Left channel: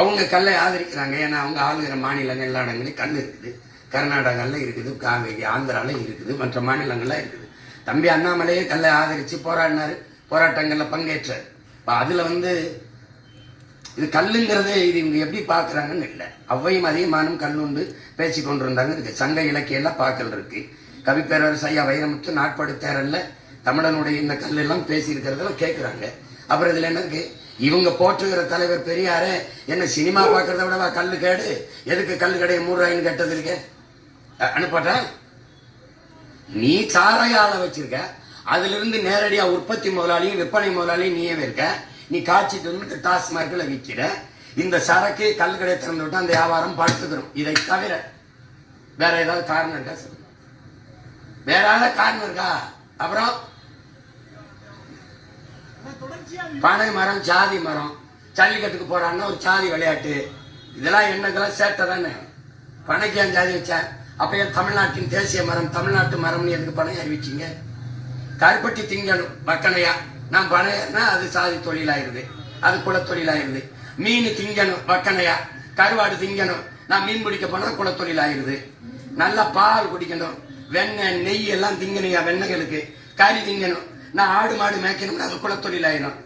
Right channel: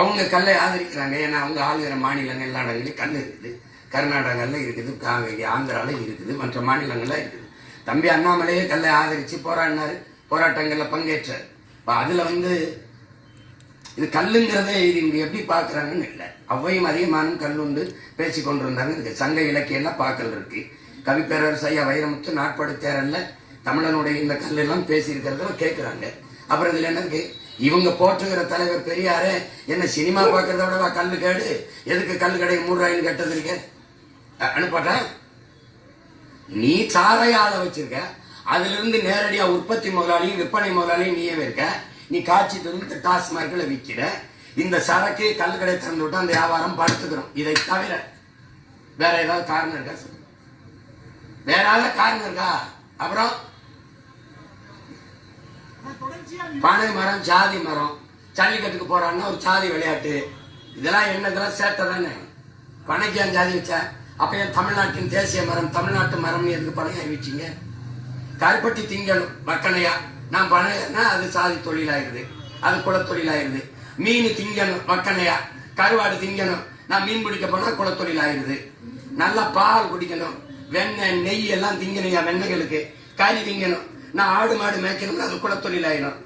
அவங்க கல்லை ஆதரிக்கிறாங்க. ஏன்னா அவங்க ஆளுகிற மாநிலங்கள் எல்லா இடங்களையும் கல் இருக்குது. கர்நாடகாவில் இருக்குது, ஆந்திராவில் இருக்குது, மற்ற மாநிலங்கள்லாம் இருக்குது. தம்பி அண்ணாமலையே கல்லை ஆதரித்து போராடினார், போராட்டங்களில் பங்கேற்றார். இப்போ அதில் இது கல்லுங்கிறதே இது இவங்க எப்படி பார்க்குறாங்கன்னு இல்லை. அவ்வையும் அதிகமானும் கல்லுண்டு பேசி கொண்டு இருந்தாங்க. இதுக்கு சங்க இலக்கியெல்லாம் பார்க்கல் இருக்கு. கவிப்பேரரசு ஐயா வைரமுத்து நாட்படுத்தேரல்ல தமிழனுடைய இந்த கல்லெல்லாம் பேசியிருக்கிறதெல்லாம் கேட்குறாங்க. அப்புறம் இதில் என்ன இருக்கு? இவங்க போற்றுகிற தலைவர் பெரியாரே என்ன சினிமா பார்க்கறத விடவா கல்லு கேடு? எதுக்கு கல்லு கடையை 3 ரூபாய்ன்னு கேட்டது இருக்க அனுப்பாட்டா? நீ சாராய ஆளை வச்சிருக்க, அதுல இருந்து நேரடியா உற்பத்தி முதலாளியும் விற்பனை முதலாளியும் நீயே இருக்க. நீ காய்ச்சிட்டு வந்து டாஸ்மார்க்ல விற்கிற. இந்த சரக்கு கல் கடை திறந்து விட்டு அந்த வியாபாரம் படுத்துக்கிறோம். இதை தவிர வேற ஏதாவது காரணம் இருக்கா? சொல்லு, வேற ஏதாவது காரணம் இருக்கா? அப்புறம் பனை மரம், ஜாதி மரம், ஜல்லிக்கட்டுக்கு போறான்னா ஒரு ஜாதி விளையாட்டு, இதெல்லாம் என்னதெல்லாம் சேட்டை தானே. பனைக்கு ஏன் ஜாதி வச்சா? அப்ப ஏன் தமிழ்நாட்டின் தேசிய மரம் தமிழ்நாட்டு மரம்னு எதுக்கு பனை அறிவிச்சிங்க? கருப்பட்டி திங்கணும் வக்கனையா. நான் பனையன்னா அது சாதி தொழிலாயிருது, அது குலத்தொழிலாயிருது. மீன் திங்கணும் வக்கனையா. கருவாடு திங்கணும், நான் மீன் பிடிக்க போனா குலத்தொழிலாயிருது. நல்லா பால் குடிக்கணும், வெண்ணெய் நெய் எல்லாம் திங்கணுங்க வெண்ணெய்களுக்கு. கறி திங்கணும், நான் ஆடு மாடு மேய்க்கணும்னு அது குலத்தொழிலாயிரும்.